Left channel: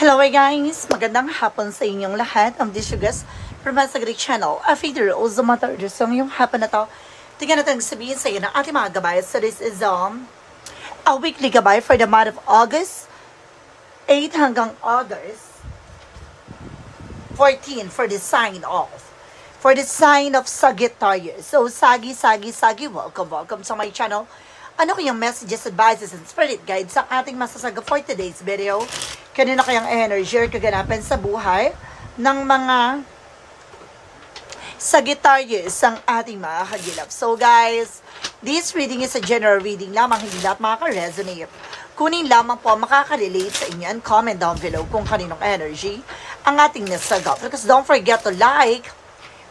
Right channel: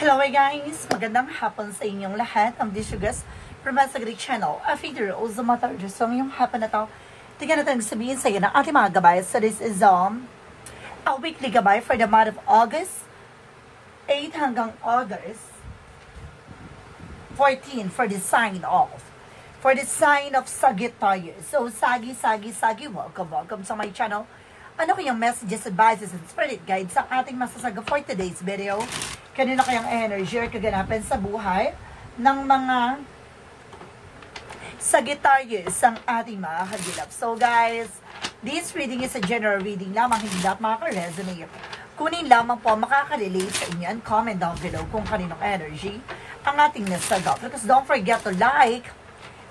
Hello guys! Magandang hapon sa inyong lahat. This is your guest from my Sagri channel. A feeder o Zumata. So yung hapon na to, tingnan natin sabihin sa iyo ng ating mga gabay. So this is a weekly gabay for the month of August 8 hanggang August 14 for the sign of. For the sign of Sagittarius. So Sagi, welcome sa my channel. Ano kayang messages, advices, and spirit guides sa ating masasaga for today's video? Kanina kayang energy or kaganapan sa buhay ng mga Sagittarius ang ating mga kagilap. So guys, this reading is a general reading lamang, hindi lahat makaka-resonate. Kunin lamang po makaka-relate sa inyo and comment down below kung kaninong energy ang ating nasagot. Because don't forget to like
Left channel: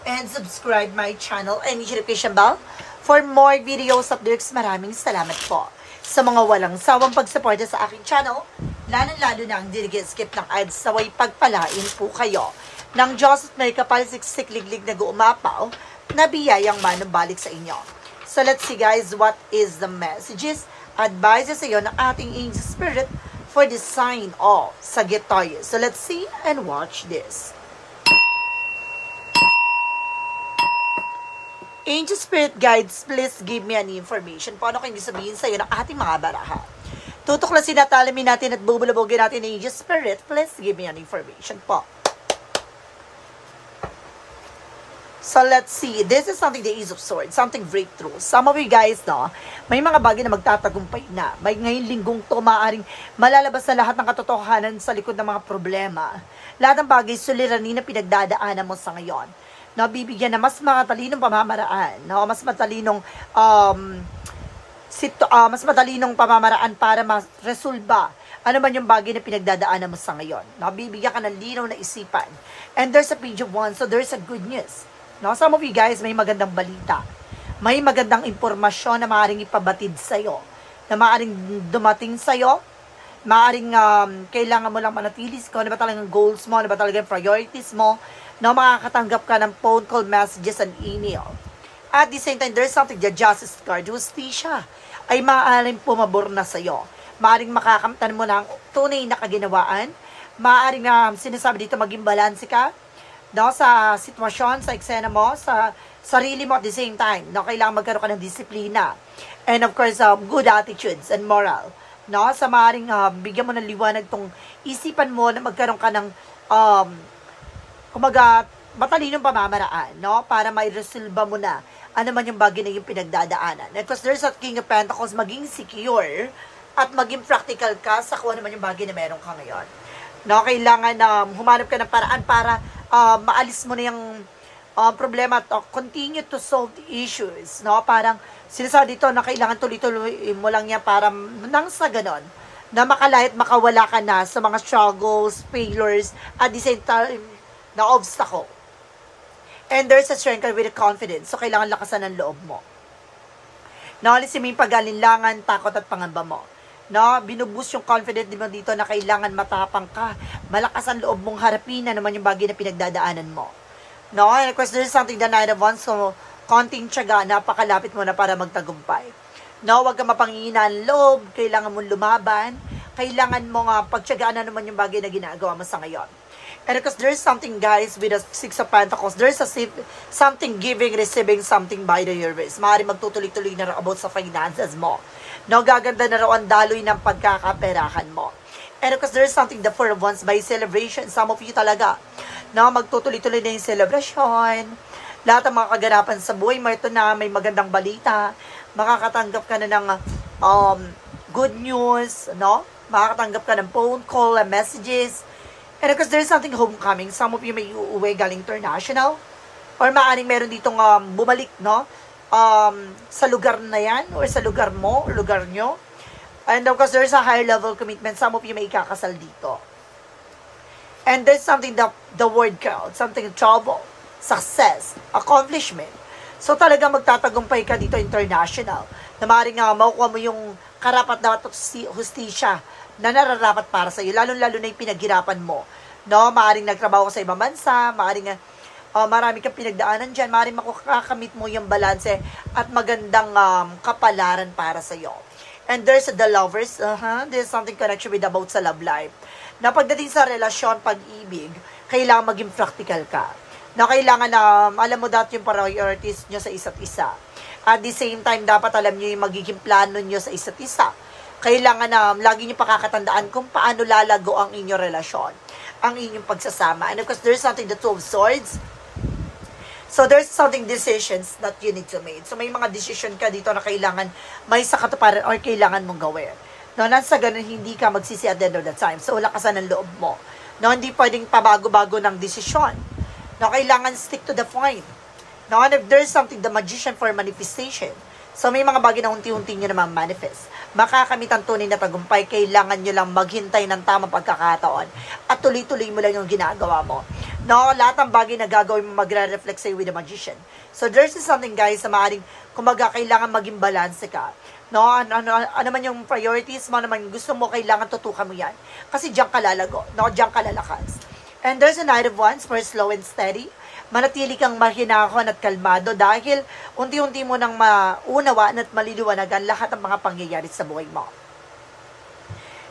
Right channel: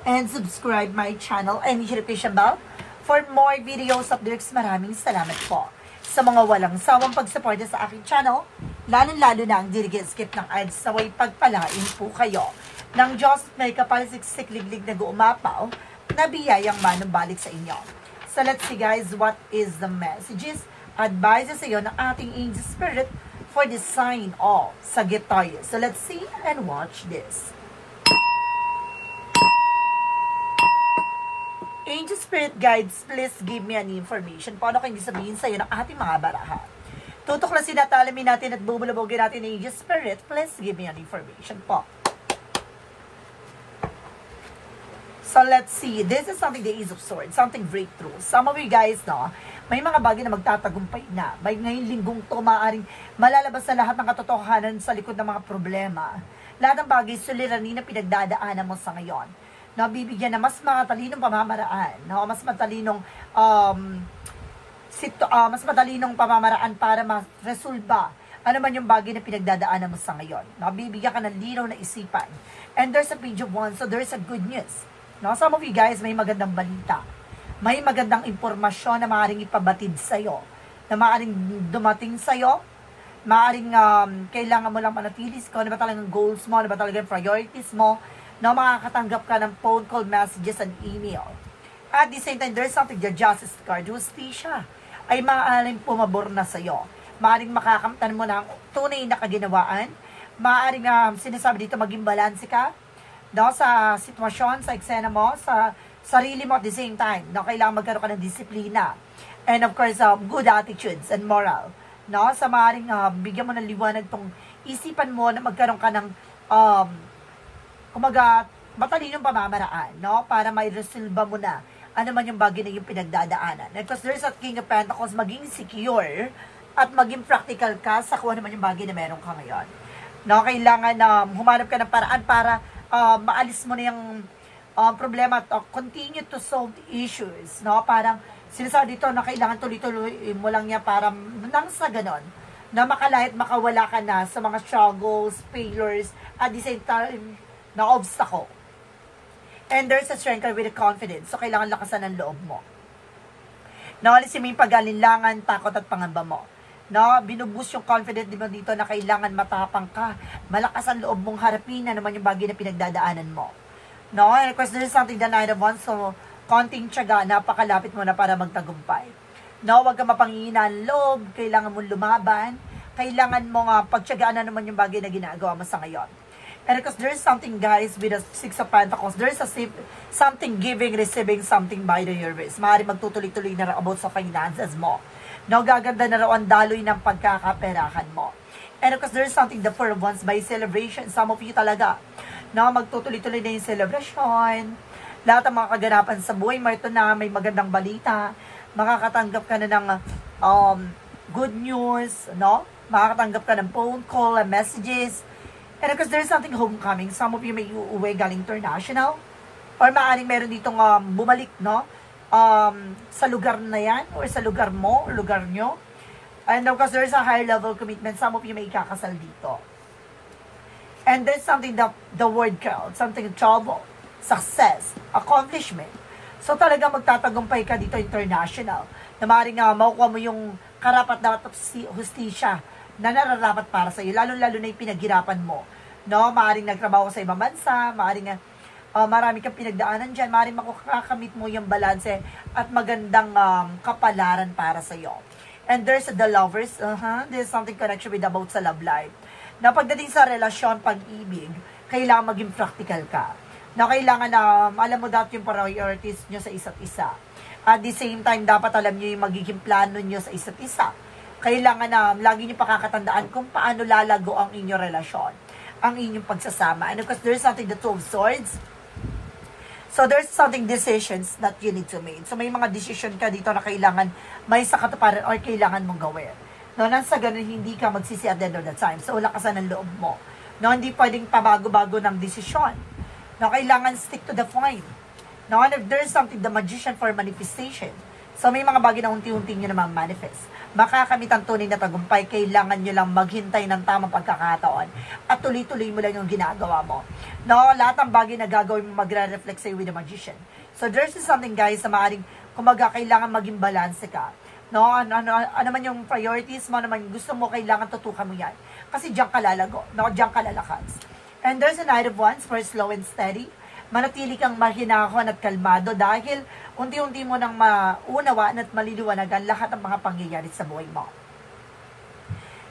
and subscribe my channel and hit the notification bell for more videos updates. Maraming salamat po sa mga walang sawang pagsuporta sa aking channel, lalo-lalo na ang skip ng ads sa way pagpalain po kayo ng Diyos at may kapalsiksik-liglig na guumapaw na biyayang manumbalik sa inyo. So let's see guys, what is the messages, advices sa iyo ng ating angel spirit for the sign of Sagittarius. So let's see and watch this. Angel Spirit Guides, please give me an information. Paano kayo sabihin sa iyo ng ating mga baraha? Tutuklasin at alamin natin at bubulabogin natin ng Angel Spirit. Please give me an information po. So let's see. This is something, the Ace of Swords. Something breakthrough. Some of you guys, no, may mga bagay na magtatagumpay na. May ngayong linggong to, maaaring malalabas na lahat ng katotohanan sa likod ng mga problema. Lahat ng bagay, suliranin na pinagdadaanan mo sa ngayon. No, bibigyan na mas matalinong pamamaraan, no, mas matalinong pamamaraan para ma-resolba ano man yung bagay na pinagdadaanan mo sa ngayon. No, bibigyan ka ng linaw na isipan. And there's a page of one, so there's a good news. No, some of you guys may magandang balita. May magandang impormasyon na maaaring ipabatid sa iyo, na maaaring dumating sa iyo, maaaring kailangan mo lang manatili kung ano ba talagang goals mo, ano ba talagang priorities mo. No, makakatanggap ka ng phone call, messages, and email. At the same time, there's something, the Justice card, justisya, ay maaaring pumabor na sa'yo. Maaaring makakamtan mo ng tunay na kaginawaan. Maaaring sinasabi dito, maging balanse ka, no, sa sitwasyon, sa eksena mo, sa sarili mo at the same time. No, kailangan magkaroon ka ng disiplina. And of course, good attitudes and moral. No, sa maaaring bigyan mo ng liwanag tong isipan mo na magkaroon ka ng kumaga, matalinong pamamaraan, no? Para may resolba mo na ano man yung bagay na yung pinagdadaanan. And because there's a King of Pentacles, maging secure at maging practical ka sa kung ano man yung bagay na meron ka ngayon. No? Kailangan humanap ka ng paraan para maalis mo na yung problema at continue to solve the issues. No? Parang sinasabi dito na kailangan tuloy-tuloy mo lang yan para nang sa ganon, na makalahit, makawala ka na sa mga struggles, failures, at the same time, na obstacle. And there's a strength with a confidence. So, kailangan lakasan ng loob mo. No, alisin mo yung pag-alinlangan, takot at pangamba mo. No, binuboost yung confidence mo dito na kailangan matapang ka. Malakas ang loob mong harapin na naman yung bagay na pinagdadaanan mo. No, and of course, there's something the Nine of Wands. So, konting tiyaga, napakalapit mo na para magtagumpay. No, wag ka mapangihina ang loob. Kailangan mong lumaban. Kailangan mong pagtiyagaan na naman yung bagay na ginagawa mo sa ngayon. And because there's something, guys, with the Six of Pentacles, there's a something giving, receiving something by the universe. Maaari magtutuloy-tuloy na about sa finances mo. No, gaganda na raw ang daloy ng pagkakaperahan mo. And because there's something, the Four of Wands by celebration. Some of you talaga, no, magtutuloy-tuloy na yung celebration. Lahat ng mga kaganapan sa buhay mo, ito na may magandang balita. Makakatanggap ka na ng good news, no? Makakatanggap ka ng phone call, messages. And because there's something homecoming, some of you may uuwi galing international, or maaaring meron ditong bumalik, no? Sa lugar na yan, or sa lugar mo, or lugar nyo. And of course, there's a higher level commitment, some of you may ikakasal dito. And there's something, the word cloud, something trouble, success, accomplishment. So talaga magtatagumpay ka dito international, na maaaring makukuha mo yung karapat-dapat hustisya na nararapat para sa iyo, lalo-lalo na yung pinaghirapan mo. No, maaring nagtrabaho ka sa ibang bansa, maaring marami kang pinagdaanan dyan, maaring makakamit mo yung balanse at magandang kapalaran para sa iyo. And there's the lovers, there's something connection with about sa love life. Na pagdating sa relasyon, pag-ibig, kailangan maging practical ka. Na kailangan na alam mo dati yung priorities nyo sa isa't isa. At the same time, dapat alam nyo yung magiging plano nyo sa isa't isa. Kailangan na lagi nyo pakakatandaan kung paano lalago ang inyong relasyon, ang inyong pagsasama. And of course, there's something, the Two of Swords. So, there's something decisions that you need to make. So, may mga decision ka dito na kailangan may sa katuparan or kailangan mong gawin. No, nasa ganun, hindi ka magsisi at the end of the time. So, lakasan ng loob mo. No, hindi pwedeng pabago-bago ng desisyon. No, kailangan stick to the point. No, and if there's something, the magician for manifestation. So, may mga bagay na unti-unti nyo naman manifest. Makakamit ang tunay na tagumpay, kailangan nyo lang maghintay ng tamang pagkakataon at tuloy-tuloy mo lang yung ginagawa mo. No, lahat ng bagay na gagawin mo magre-reflect sa'yo with the magician. So, there's something, guys, na maaaring, kumaga, kailangan maging balance ka. No, ano man yung priorities mo, naman gusto mo, kailangan tutukan mo yan. Kasi diyan ka lalago, no, diyan ka lalakas. And there's a Knight of Wands for slow and steady. Manatili kang mahinahon at kalmado dahil unti-unti mo nang maunawaan at maliliwanagan lahat ng mga pangyayari sa buhay mo.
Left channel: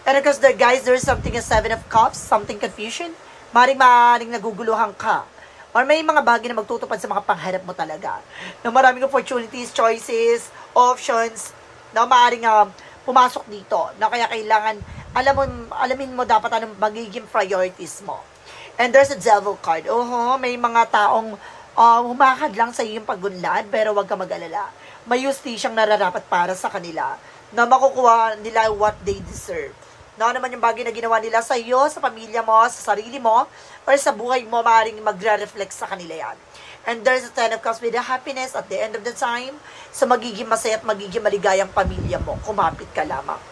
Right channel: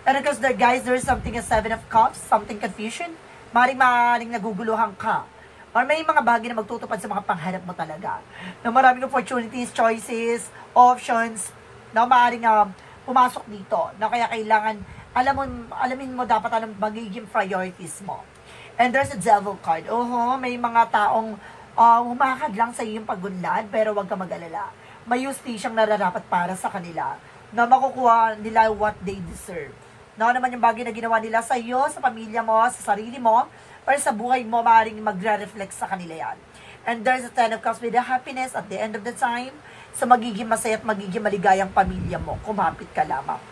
And because there, guys, there's something a Seven of Cups, something confusion. Maring naguguluhan ka. Or may mga bagay na magtutupad sa mga pangharap mo talaga. Na maraming opportunities, choices, options, na maring pumasok dito. Na kaya kailangan, alamin mo dapat anong magiging priorities mo. And there's a Devil card. May mga taong humakad lang sa iyong pagunlad, pero huwag ka mag-alala. May justisyang nararapat para sa kanila na makukuha nila what they deserve. Na naman yung bagay na ginawa nila sa iyo, sa pamilya mo, sa sarili mo, or sa buhay mo, maaaring magre-reflect sa kanila yan. And there's a Ten of Cups with the happiness at the end of the time. So magiging masaya at magiging maligayang pamilya mo. Kumapit ka lamang.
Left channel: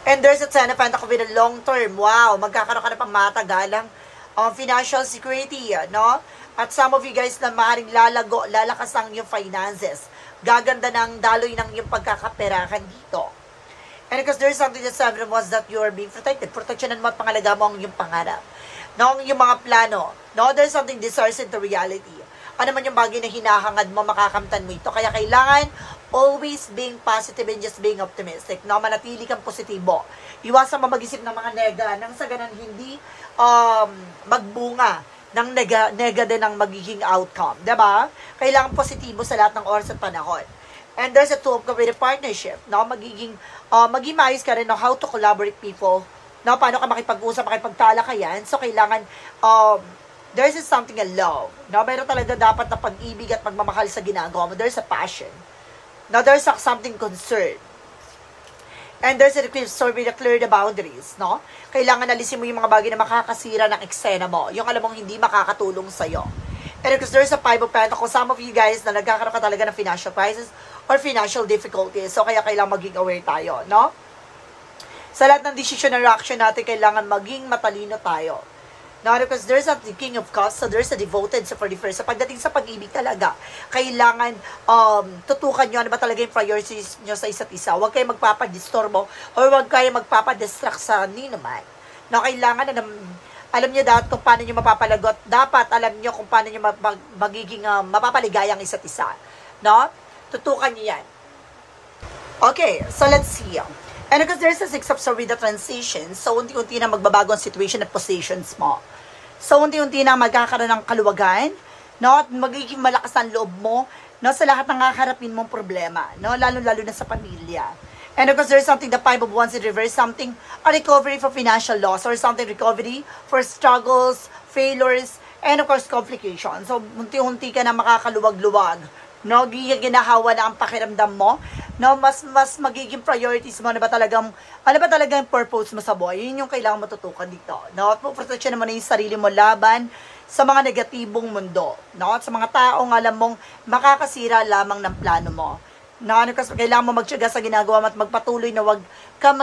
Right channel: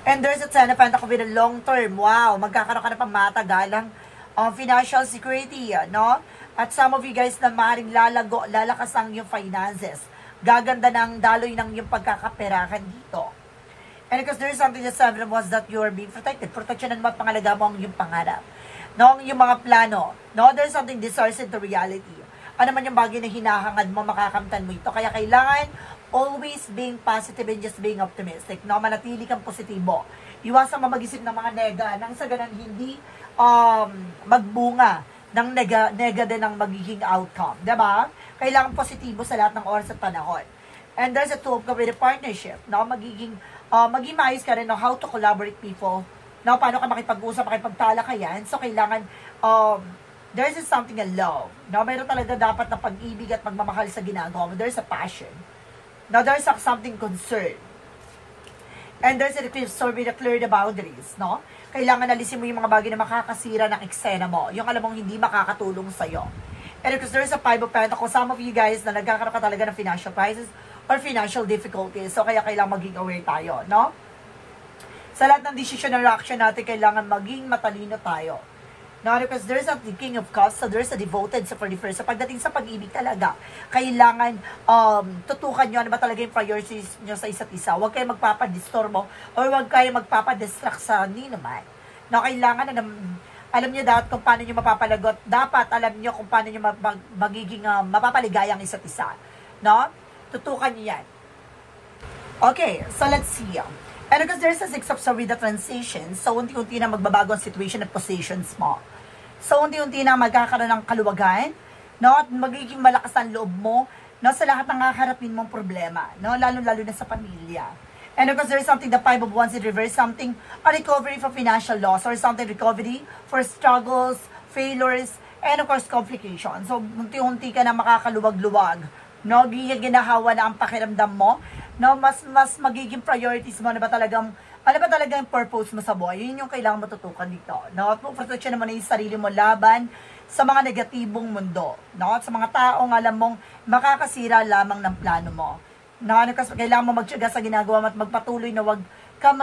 And there's a Ten of Pentacles with a long term. Wow, magkakaroon ka na pang matagalang financial security, no? At some of you guys na maaaring lalakas ang yung finances. Gaganda ng daloy ng yung pagkakaperahan dito. And because there's something that Seven of Wands that you are being protected. Proteksyonan mo at pangalaga mo ang yung pangarap. No, yung mga plano. No, there's something distorts into reality. Ano man yung bagay na hinahangad mo, makakamtan mo ito. Kaya kailangan always being positive and just being optimistic. No, manatili kang positibo. Iwasan mo mag-isip ng mga nega nang sa ganun hindi magbunga ng nega din ang magiging outcome. Diba? Kailangan positibo sa lahat ng oras at panahon. And there's a Two of Cups with a partnership. No, maging maayos ka rin no, how to collaborate people. No, paano ka makipag-usap, makipagtalakayan. So, kailangan there's something in love. No, meron talaga dapat na pag-ibig at magmamahal sa ginagawa mo. There's a passion. Now, there's something concern. And there's a request to clear the boundaries, no? Kailangan alisin mo yung mga bagay na makakasira ng eksena mo. Yung alam mong hindi makakatulong sa'yo. And because there's a Five of Pentacles, some of you guys na nagkakaroon ka talaga ng financial crisis or financial difficulties. So, kaya kailangan maging aware tayo, no? Sa lahat ng decision and reaction natin, kailangan maging matalino tayo. Now, because there's a King of Cups, so there's a devoted sa 41st. So, pagdating sa pag-ibig talaga, kailangan tutukan nyo ano ba talaga yung priorities nyo sa isa't isa. Huwag kayo magpapadistorbo or huwag kayo magpapadistract sa ninuman. Now, kailangan na alam nyo dapat kung paano nyo mapapalagot. Dapat alam nyo kung paano nyo magiging mapapaligaya ang isa't isa. No? Tutukan nyo yan. Okay, so let's see. And because there's a Six of Swords with the transition, so unti-unti na magbabago ang situation at positions mo. So unti-unti na magkakaroon ng kaluwagan, no? At magiging malakas ang loob mo, no? Sa lahat ng kaharapin mong problema, no? Lalo-lalo na sa pamilya. And because there's something, the Five of Wands in reverse, something, a recovery for financial loss, or something recovery for struggles, failures, and of course, complications. So unti-unti ka na makakaluwag-luwag, no? Ginahawa na ang pakiramdam mo, no, mas magiging priorities mo, ano ba talagang purpose mo sa buhay. Yun yung kailangan matutukan dito. No? Proteksyon naman na yung sarili mo laban sa mga negatibong mundo. No? At sa mga taong alam mong makakasira lamang ng plano mo. No? Kasi kailangan mo magtiyaga sa ginagawa mo at magpatuloy na wag kang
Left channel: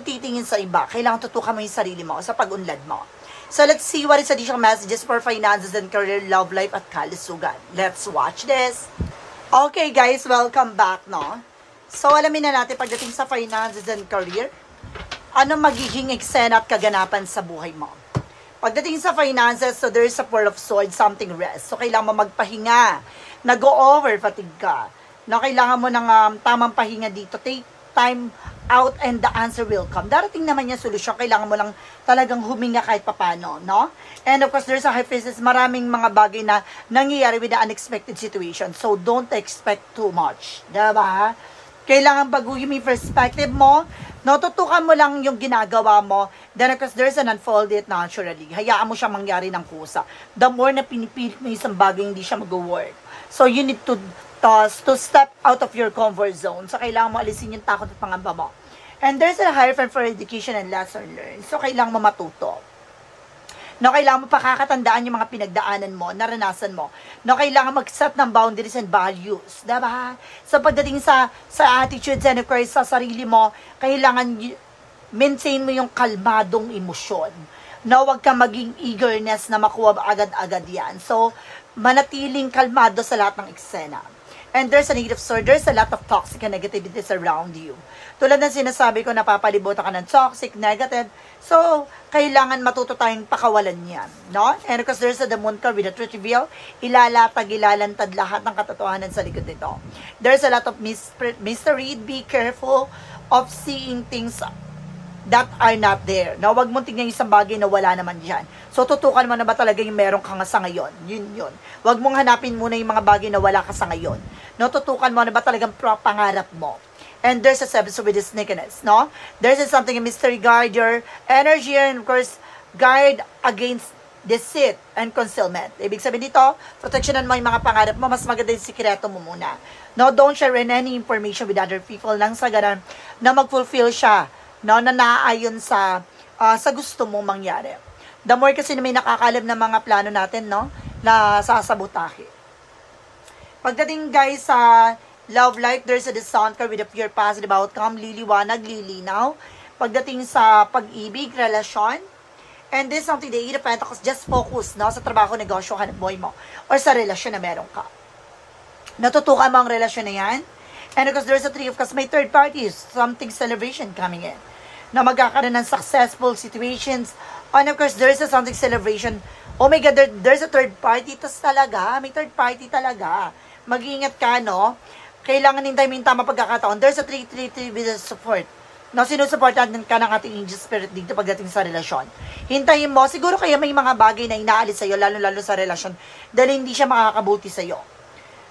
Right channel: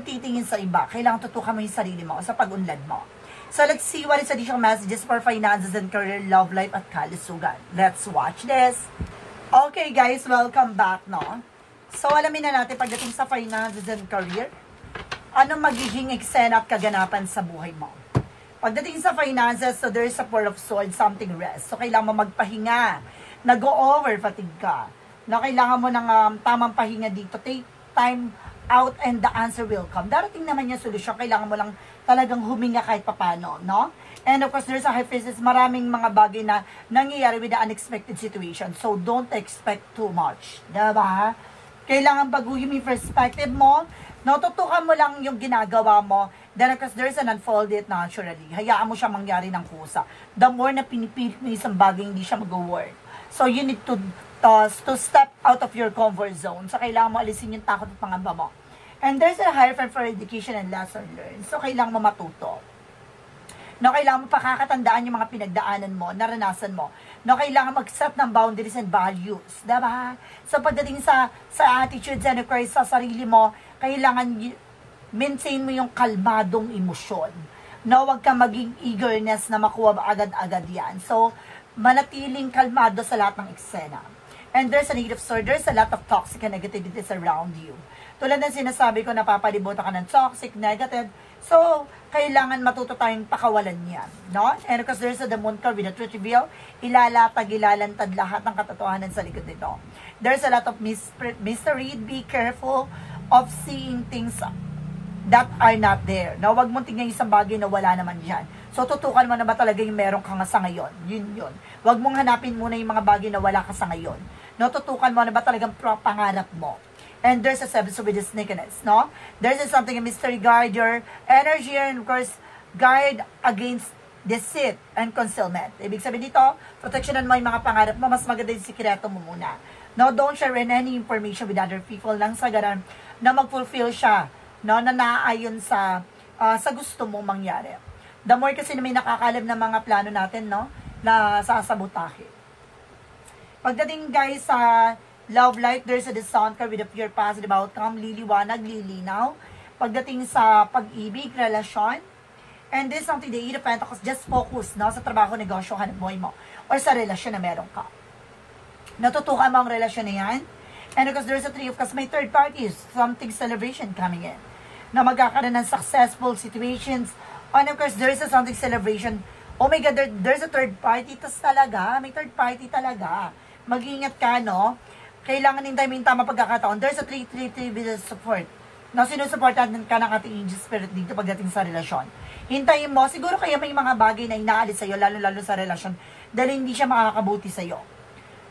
titingin sa iba. Kailangan tutukan mo yung sarili mo sa pag-unlad mo. So let's see what is additional messages for finances and career, love life at kalusugan. Let's watch this. Okay guys, welcome back, no? So, alamin na natin pagdating sa finances and career, anong magiging eksena at kaganapan sa buhay mo. Pagdating sa finances, so there's a Four of Swords, something rest. So, kailangan mo magpahinga. Nag-over fatigue ka. No, kailangan mo ng tamang pahinga dito. Take time out and the answer will come. Darating naman yung solusyon. Kailangan mo lang talagang huminga kahit papano, no? And of course, there's a high priestess, maraming mga bagay na nangyayari with the unexpected situation. So, don't expect too much. Diba? Kailangan baguhin mo yung perspective mo. No, tutukan mo lang yung ginagawa mo. Then, of course, there's an unfold it naturally. Hayaan mo siya mangyari ng kusa. The more na pinipilit mo isang bagay, hindi siya mag-work. So, you need to step out of your comfort zone. So, kailangan mo alisin yung takot at pangamba mo. And there's a higher friend for education and lesson learned. So, kailangan mo matuto. No, kailangan mo pakakatandaan yung mga pinagdaanan mo, naranasan mo. No, kailangan mag-set ng boundaries and values. Diba? So, pagdating sa attitudes and of course, sa sarili mo, kailangan maintain mo yung kalmadong emosyon. No, huwag ka maging eagerness na makuha agad-agad yan. So, manatiling kalmado sa lahat ng eksena. And there's a negative sword. There's a lot of toxic and negativities around you. Tulad ng sinasabi ko, napapalibutan ka ng toxic, negative. So, kailangan matuto tayong pakawalan yan. No? And because there's a the moon card with a truth reveal, ilalatag, ilalantad lahat ng katotohanan sa likod nito. There's a lot of mystery. Be careful of seeing things that are not there. No? Huwag mong tingnan isang bagay na wala naman dyan. So, tutukan mo na ba talaga yung meron ka nga sa ngayon? Yun. Huwag mong hanapin muna yung mga bagay na wala ka sa ngayon. No? Tutukan mo na ba talagang pangarap mo? And there's a seven with this sneakiness, no? There's something, a mystery, guard your energy, and of course, guard against deceit and concealment. Ibig sabihin dito, protectionan mo yung mga pangarap mo, mas maganda yung sikreto mo muna. No, don't share any information with other people lang sa ganun na mag-fulfill siya, no, na naaayon sa gusto mong mangyari. The more kasi na may nakakalam na mga plano natin, no, na sasabotahe. Pagdating guys sa love life, there's a sound card with a pure positive outcome, liliwanag, lilinaw. Pagdating sa pag-ibig, relasyon, and this something, the Eight of Pentacles, just focus, no, sa trabaho, negosyo, hanap buhay mo, or sa relasyon na meron ka. Natutukan mo ang relasyon na yan. And because there's a Three of Cups, may third parties, something celebration coming in, na magkakaroon ng successful situations. And of course, there's a something celebration. Oh my God, there's a third party. Tas talaga, may third party talaga. Mag-iingat ka, no? Kailangan hintay mo yung tama pagkakataon. There's a 3-3-3 with a support. No, sinusuportan ka ng ating angel spirit dito pagdating sa relasyon. Hintayin mo, siguro kaya may mga bagay na inaalis sa'yo, lalo-lalo sa relasyon, dahil hindi siya makakabuti sa'yo.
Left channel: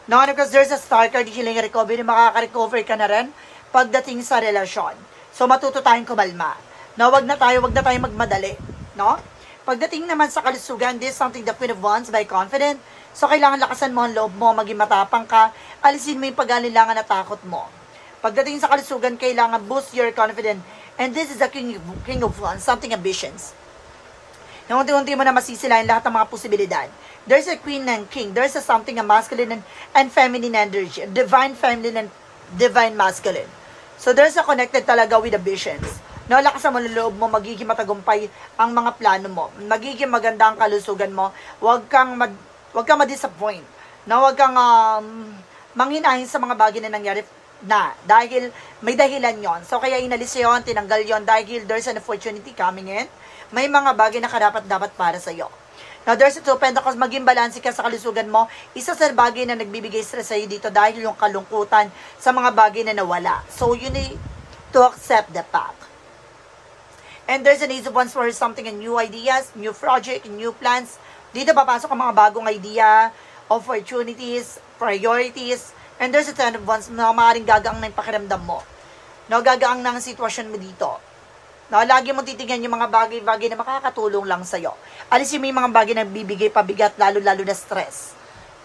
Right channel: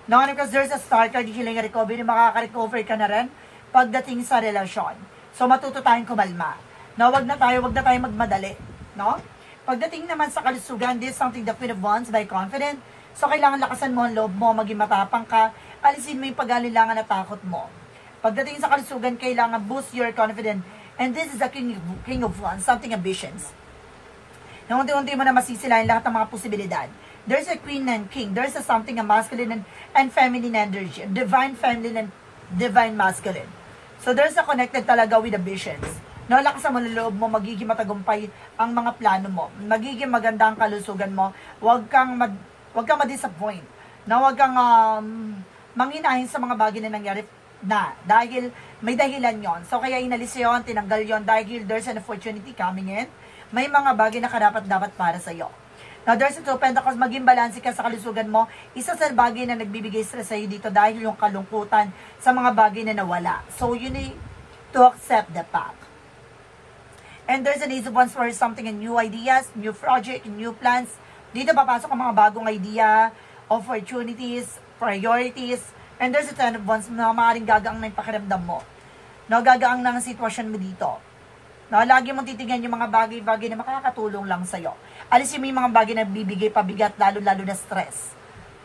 No, because there's a star card, healing recovery, makaka-recover ka na rin pagdating sa relasyon. So, matuto tayong kumalma. No, wag na tayo magmadali. No? Pagdating naman sa kalusugan, this is something the Queen of Wands by confident. So, kailangan lakasan mo ang loob mo, maging matapang ka, alisin mo yung pag-alilangan na takot mo. Pagdating sa kalusugan, kailangan boost your confidence. And this is the King of Wands, something ambitions. Na unti-unti mo na masisilayan lahat ng mga posibilidad. There's a Queen and King. There's a something, a masculine and feminine energy. Divine feminine and divine masculine. So, there's a connected talaga with ambitions. No, lakasan mo ng loob mo, magiging matagumpay ang mga plano mo. Magiging maganda ang kalusugan mo. Huwag kang ma-disappoint. No, huwag kang manghinahin sa mga bagay na nangyari na. Dahil may dahilan yon. So, kaya inalis yon, tinanggal yon dahil there's an opportunity coming in. May mga bagay na karapat-dapat para sa'yo. Now, there's a Two of Pentacles, maging balanse ka sa kalusugan mo. Isa sa bagay na nagbibigay stress sa'yo dito dahil yung kalungkutan sa mga bagay na nawala. So, you need to accept the fact. And there's an Ace of Wands for something, and new ideas, new project, new plans. Dito papasok ang mga bagong idea, opportunities, priorities, and there's a Ten of Wands na maaaring gagaang na yung pakiramdam mo. No, gagaang na ang sitwasyon mo dito. No, lagi mo titignan yung mga bagay-bagay na makakatulong lang sa'yo. Alisin mo yung mga bagay na bibigay pabigat, lalo-lalo na stress.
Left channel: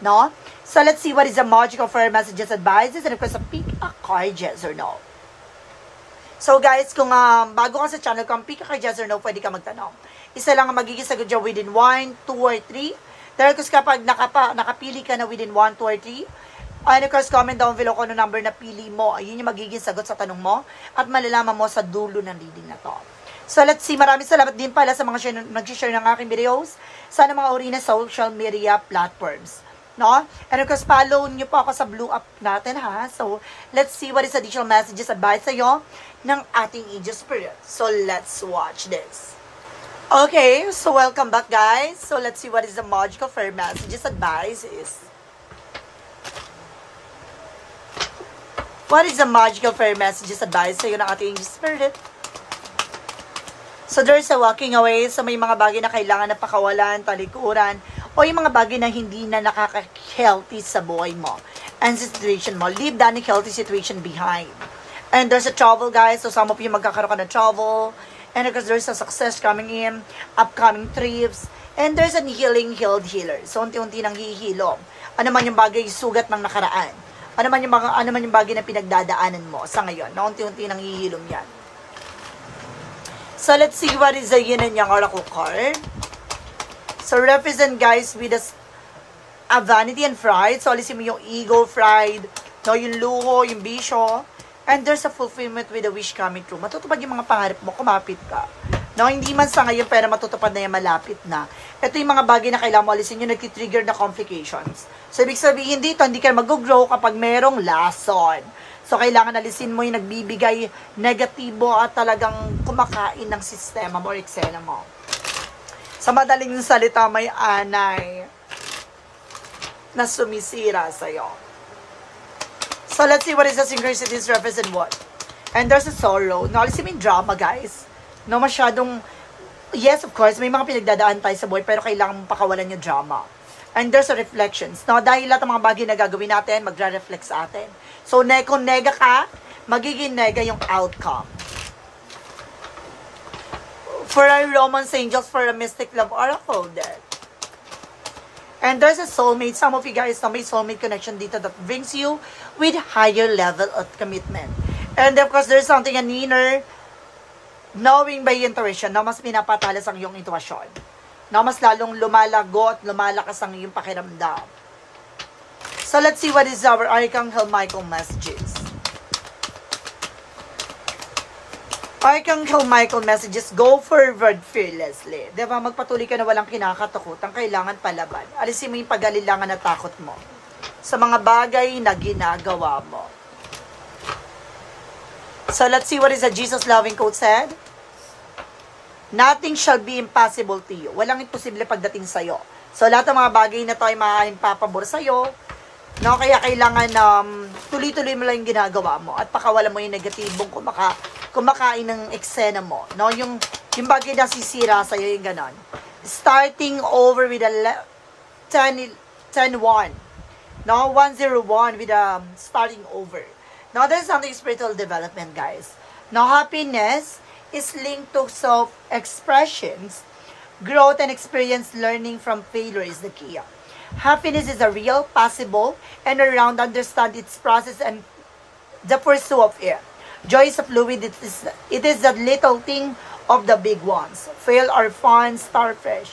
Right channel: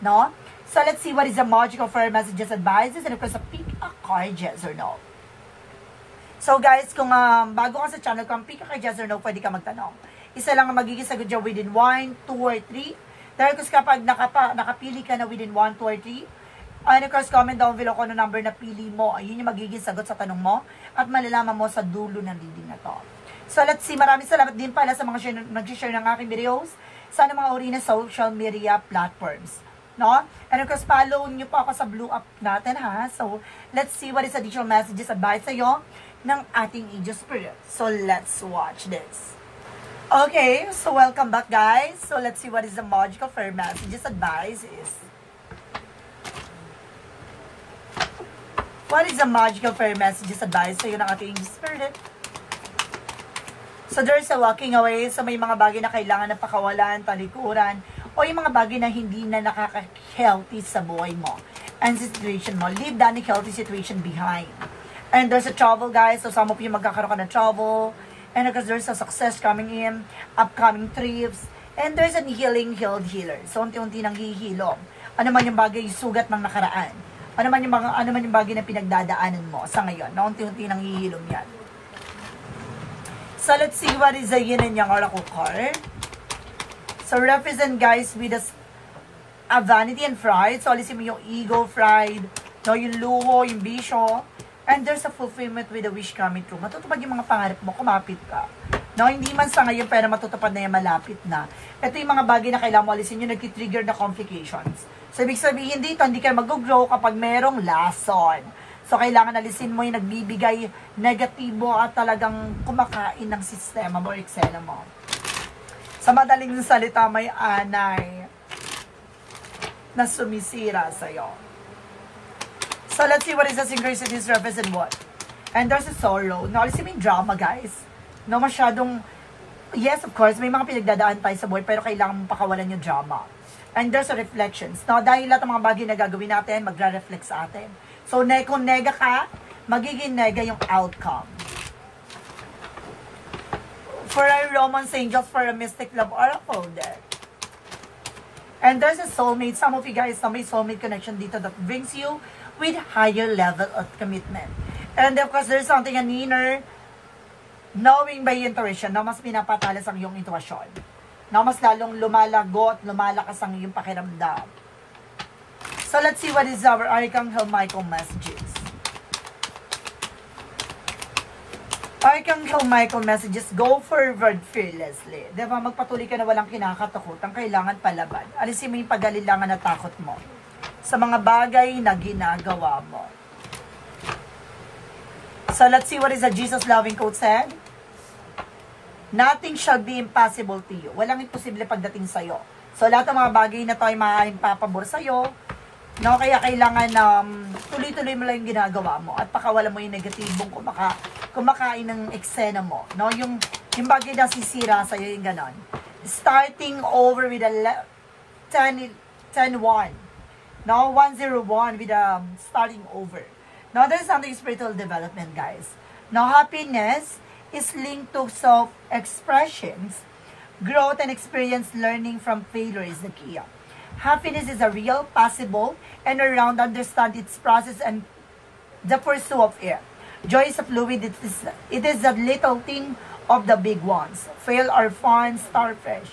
No? So, let's see what is the magical fire messages, advices, and request a pick a card, yes or no. So, guys, kung bago ka sa channel, kung pick a card, yes or no, pwede ka magtanong. Isa lang ang magiging sagot dyan within 1, 2, or 3. Dahil kapag nakapili ka na within 1, 2, or 3, and of course, comment down below kung ano number na pili mo. Ayun yung magiging sagot sa tanong mo. At malalaman mo sa dulo ng reading na to. So, let's see. Maraming salamat din pala sa mga nag-share ng aking videos sa mga uri na social media platforms. No? And of course, follow nyo po ako sa Blue Up natin, ha? So, let's see what is additional messages advice sa'yo ng ating Angel Spirit. So, let's watch this. Okay, so welcome back, guys. So, let's see what is the magical fairy messages advice is. What is the magical fairy messages advice sa'yo ng ating spirit? So there's a walking away. So may mga bagay na kailangan na pakawalan, talikuran, o yung mga bagay na hindi na nakaka-healthy sa buhay mo and situation mo. Leave that healthy situation behind. And there's a travel, guys. So some of you magkakaroon ka ng travel. And because there's a success coming in, upcoming trips. And there's a healing, healed healer. So unti-unti nang hihilom. Ano man yung bagay, sugat ng nakaraan. Ano man yung bagay na pinagdadaanan mo sa ngayon. Na unti-unti nang hihilom yan. So let's see what is the yin and yang oracle card. So represent, guys, with a vanity and pride. So alisin mo yung ego, pride, no, yung luho, yung bisyo. And there's a fulfillment with a wish coming true. Matutupad yung mga pangarap mo, kumapit ka. No, hindi man sa ngayon, pero matutupad na yan, malapit na. Ito yung mga bagay na kailangan mo alisin yung nagtitrigger na complications. So, ibig sabihin dito, hindi ka mag-grow kapag merong lason. So, kailangan alisin mo yung nagbibigay negatibo at talagang kumakain ng sistema mo, eksena mo. Sa madaling salita, may anay na sumisira sa'yo. So, let's see what is the synchronicities represent what. And there's a sorrow. No, alisin mo yung drama, guys. No, masyadong, yes, of course, may mga pinagdadaan tayo sa buhay, pero kailangan mong pakawalan yung drama. And there's a reflections. No, dahil lahat ng mga bagay na gagawin natin, magre-reflect sa atin. So, kung nega ka, magiging nega yung outcome. For our Romance Angels, for a Mystic Love Oracle deck. And there's a soulmate. Some of you guys know may soulmate connection dito that brings you with higher level of commitment. And of course, there's something an inner knowing by intuition na mas pinapatalas ang iyong intuition. Na mas lalong lumalago at lumalakas ang iyong pakiramdam. So let's see what is our Archangel Michael messages. Archangel Michael messages, go forward fearlessly. Diba, magpatuloy ka na walang kinakatakutan, kailangan palaban. Alisin mo yung pag-alilangan na takot mo sa mga bagay na ginagawa mo. So let's see what is the Jesus loving quote said. Nothing shall be impossible to you. Walang imposible pagdating sa'yo. So lahat ng mga bagay na tayo maaaring papabor sa'yo, no, kaya kailangan tuloy-tuloy mo lang yung ginagawa mo at pakawalan mo yung negatibong kumakain ng eksena mo. No, yung bagay na sisira sa'yo, yung ganon. Starting over with a 10-1. No, 101 with a starting over. Now, there's something spiritual development, guys. Now, happiness is linked to self-expressions. Growth and experience learning from failure is the key. Happiness is a real, possible, and around understand its process and the pursuit of it. Joy is a fluid. It is the little thing of the big ones. Fail or fun, start fresh.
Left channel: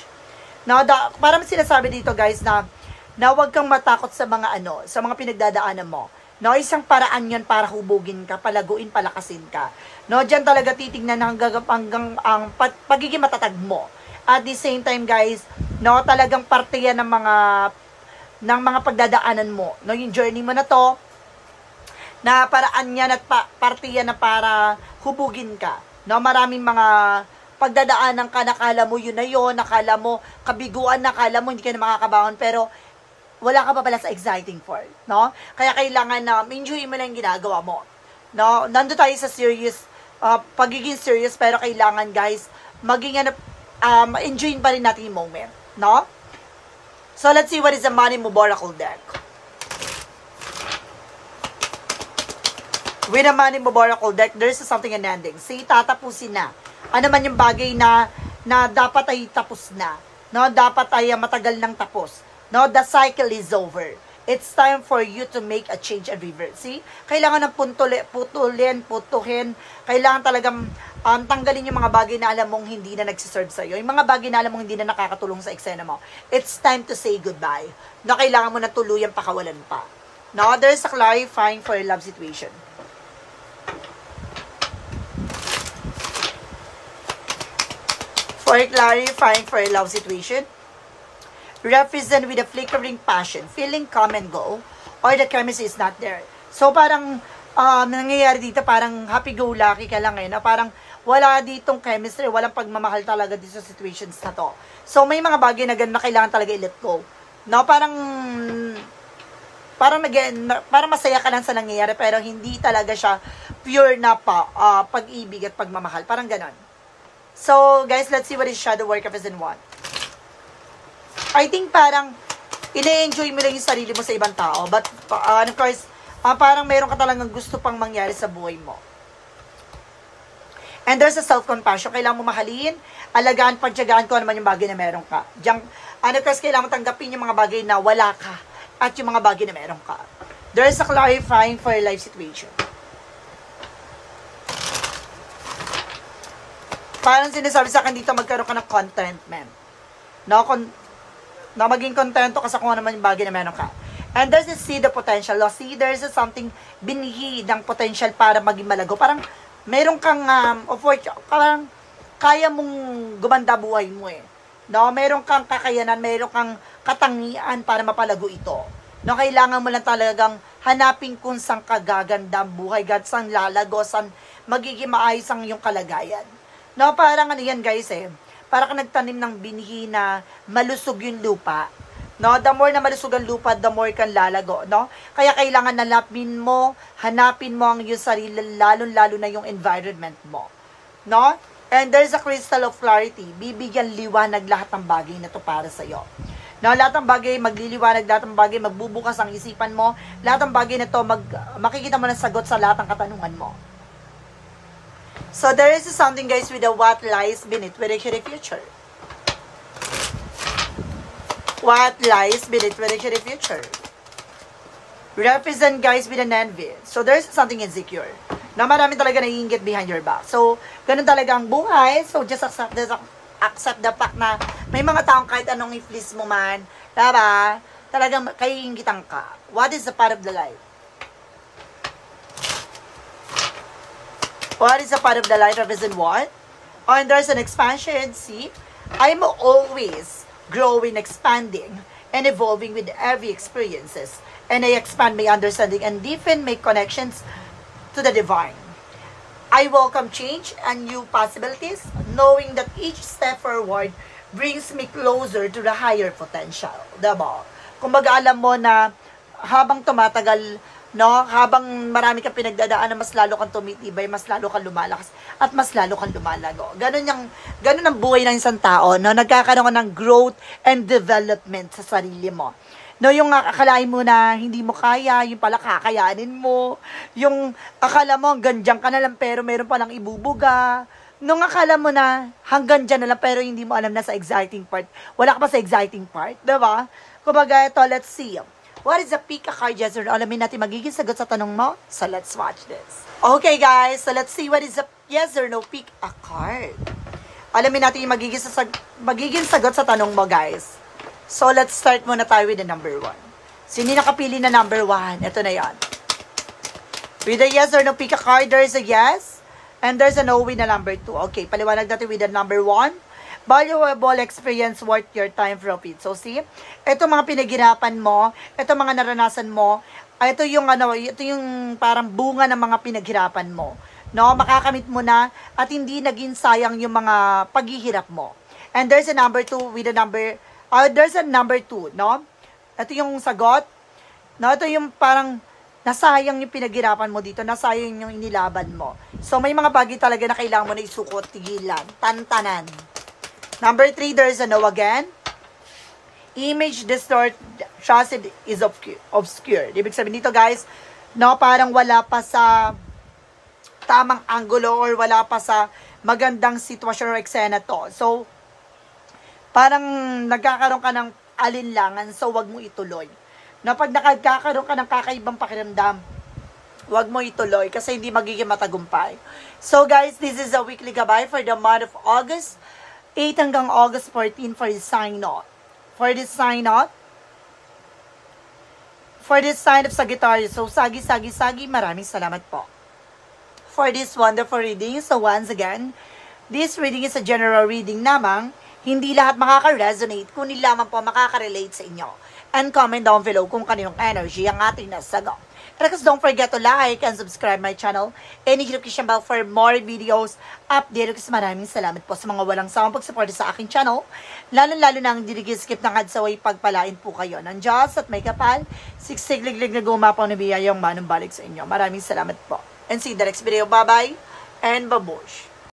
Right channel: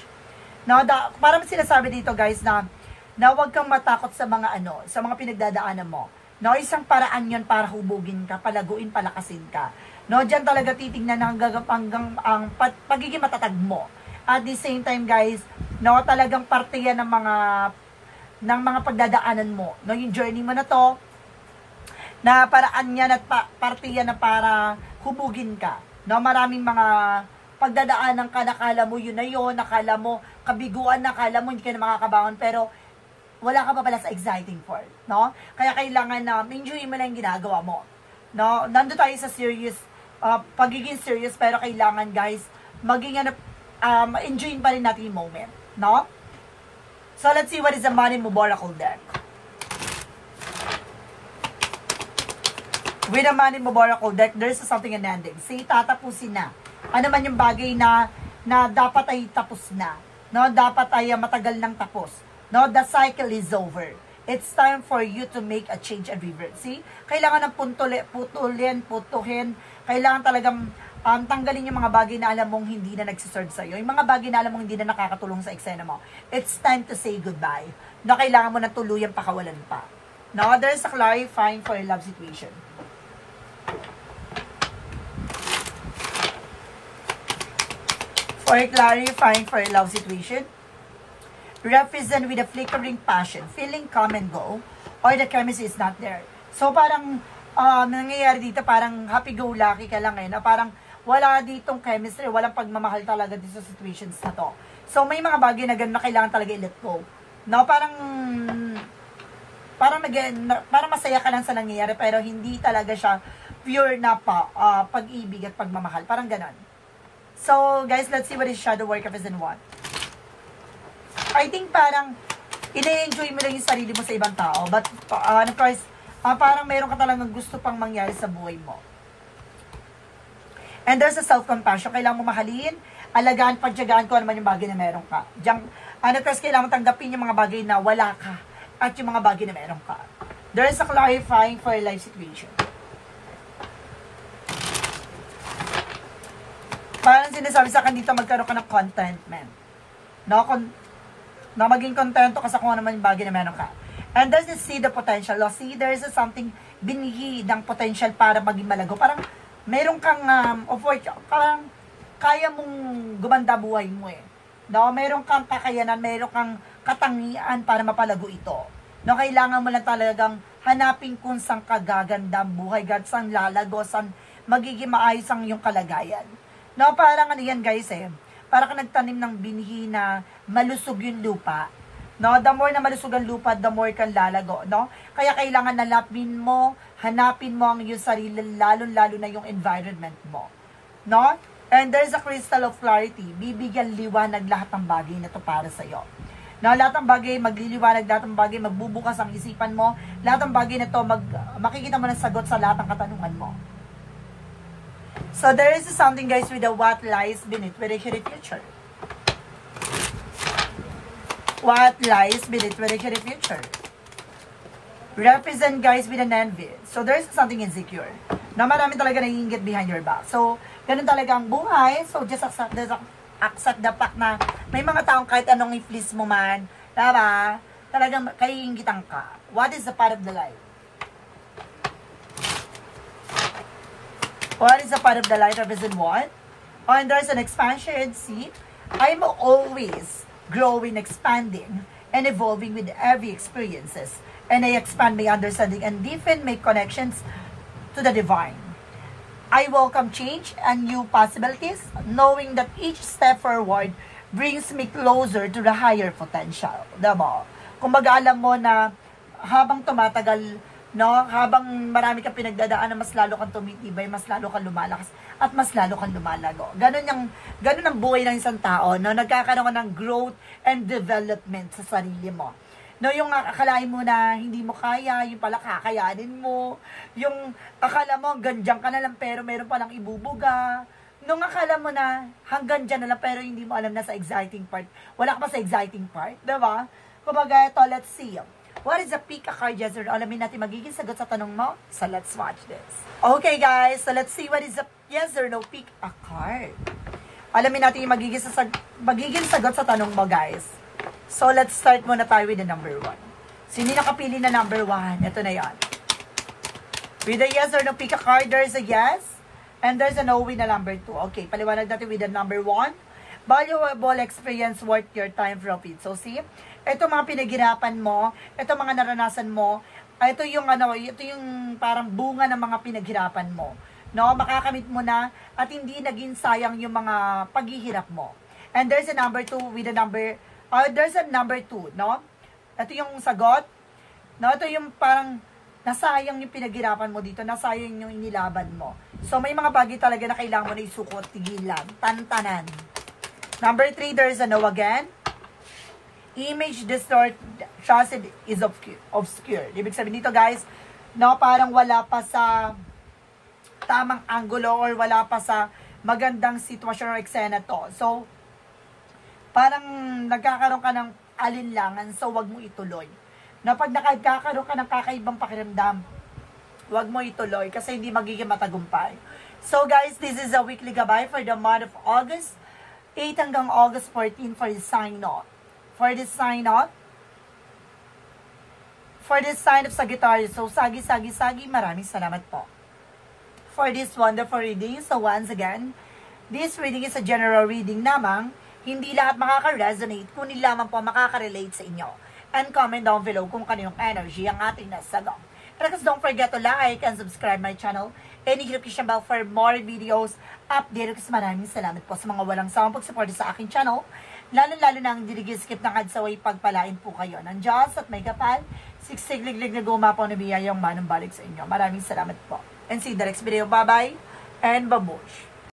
Now, parang sinasabi dito, guys, na huwag kang matakot sa mga sa mga pinagdadaanan mo. No, isang paraan yan para hubugin ka, palaguin, palakasin ka. No, diyan talaga titignan hanggang ang pagiging matatag mo. At the same time, guys, no, talagang parte yan ng mga pagdadaanan mo. No, yung journey mo na to, na paraan yan at parte yan na para hubugin ka. No, maraming mga pagdadaanan ka, nakala mo yun na yun, nakala mo kabiguan, nakala mo hindi ka na makakabangon, pero wala ka pa pala sa exciting part, no? Kaya kailangan na enjoy mo lang yung ginagawa mo. No, nando tayo sa serious, pagiging serious, pero kailangan, guys, maging enjoy pa rin natin yung moment, no? So let's see what is the Money Move Oracle deck. With the Money Move Oracle deck, there's something an ending. See, tatapusin na. Ano man yung bagay na dapat ay tapos na, no? Dapat ay matagal nang tapos. No, the cycle is over. It's time for you to make a change and revert. See? Kailangan ng putuhin. Kailangan talagang tanggalin yung mga bagay na alam mong hindi na nagsiserve sa'yo. Yung mga bagay na alam mong hindi na nakakatulong sa eksena mo. It's time to say goodbye. No, kailangan mo na tuluyan pakawalan pa. No, there's a clarifying for a love situation. For clarifying for a love situation, represent with a flickering passion, feeling come and go, or the chemistry is not there. So, parang, nangyayari dito, parang happy-go-lucky ka lang na parang wala ditong chemistry, walang pagmamahal talaga dito sa situations na to. So, may mga bagay na ganun na kailangan talaga i-let go. No, parang, parang masaya ka lang sa nangyayari, pero hindi talaga siya pure na pag-ibig at pagmamahal. Parang ganon. So, guys, let's see what is shadow work of and what. I think parang ine-enjoy mo lang yung sarili mo sa ibang tao. But, of course, parang mayroon ka talagang gusto pang mangyari sa buhay mo. And there's a self-compassion. Kailangan mo mahalin, alagaan, pagtyagaan ko naman yung bagay na meron ka. Of course, kailangan mo tanggapin yung mga bagay na wala ka at yung mga bagay na meron ka. There's a clarifying for your life situation. Parang sinasabi sa akin dito, magkaroon ka ng contentment. No, maging kontento ka sa kung ano naman yung bagay na meron ka. And there's a see the potential. No? See, there's something binhi ng potential para maging malago. Parang meron kang parang kaya mong gumanda buhay mo eh. No, meron kang kakayanan, meron kang katangian para mapalago ito. No, kailangan mo lang talagang hanapin kung saan ka gaganda buhay, saan lalago, saan magiging maayos ang iyong kalagayan. No, parang ano yan guys eh. Parang ka nagtanim ng binhi na malusog yung lupa. No, the more na malusog ang lupa, the more kang lalago, no? Kaya kailangan hanapin mo ang iyong sarili, lalo-lalo na yung environment mo. No? And there's a crystal of clarity. Bibigyan liwanag lahat ng bagay na to para sa iyo. No, lahat ng bagay magliliwanag, lahat ng bagay magbubukas ang isipan mo, lahat ng bagay na to makikita mo ng sagot sa lahat ng katanungan mo. So, there is something guys with the what lies beneath with the future. What lies beneath with the future. Represent guys with an envy. So, there's something insecure. Na marami talaga naiingit behind your back. So, ganun talaga ang buhay. So, just accept the fact na may mga taong kahit anong i-please mo man, diba? Talagang kaiingitan ka. What is the part of the life? What is a part of the life represent what? Oh, and there's an expansion. See? I'm always growing, expanding, and evolving with every experiences. And I expand my understanding and deepen my connections to the divine. I welcome change and new possibilities, knowing that each step forward brings me closer to the higher potential. Diba? Kumbaga alam mo na habang tumatagal, no, habang marami kang pinagdadaanan, mas lalo kang tumitibay, mas lalo kang lumalakas, at mas lalo kang lumalago. Ganun ang buhay ng isang tao, no, nagkakaroon ng growth and development sa sarili mo. No, yung akalain mo na hindi mo kaya, yung pala kakayanin mo, yung akala mo hanggang dyan ka na lang pero meron palang ibubuga, nung akala mo na hanggang dyan na lang pero hindi mo alam na sa exciting part, wala ka pa sa exciting part, diba? Kumbaga ito, let's see. What is the pick a card, yes or no? Alamin natin magiging sagot sa tanong mo. So, let's watch this. Okay, guys. So, let's see what is the yes or no pick a card. Alamin natin yung magiging sagot sa tanong mo, guys. So, let's start muna tayo with the number 1. So, hindi nakapili na number 1. Ito na yan. With the yes or no pick a card, there is a yes. And there's a no with the number 2. Okay, paliwanag natin with the number 1. Valuable experience worth your time profit. So, see? Ito mga pinaghirapan mo, ito mga naranasan mo, ito yung parang bunga ng mga pinaghirapan mo. No, makakamit mo na at hindi naging sayang yung mga paghihirap mo. And there's a number 2 with a number there's a number 2, no? Ito yung sagot. No, ito yung parang nasayang yung pinaghirapan mo dito, nasayang yung inilaban mo. So may mga bagay talaga na kailangan mo na isukot, tigilan, tantanan. Number 3, there's a no again. Image distort, trusted is obscure. Ibig sabihin dito guys, no, parang wala pa sa tamang angulo or wala pa sa magandang sitwasyon or eksena to. So, parang nagkakaroon ka ng alinlangan, so wag mo ituloy. Na pag nagkakaroon ka ng kakaibang pakiramdam, wag mo ituloy kasi hindi magiging matagumpay. So guys, this is a weekly gabay for the month of August 8 hanggang August 14 for this sign out. For this sign out, for this sign of Sagittarius. So, sagi, maraming salamat po. For this wonderful reading, so once again, this reading is a general reading namang, hindi lahat makaka-resonate, kundi lamang po makaka-relate sa inyo. And comment down below kung kaninong energy ang ating nasagot. And of course, don't forget to like and subscribe my channel. And hit notification bell for more videos update. Kasi maraming salamat po sa mga walang sawang pagsuporta sa aking channel. Lalo-lalo na ang skip ng ads away, pagpalain po kayo ng Diyos at may kapal. Siksig-liglig na gumapaw na biyayang manong balik sa inyo. Maraming salamat po. And see you in the next video. Bye-bye and babush.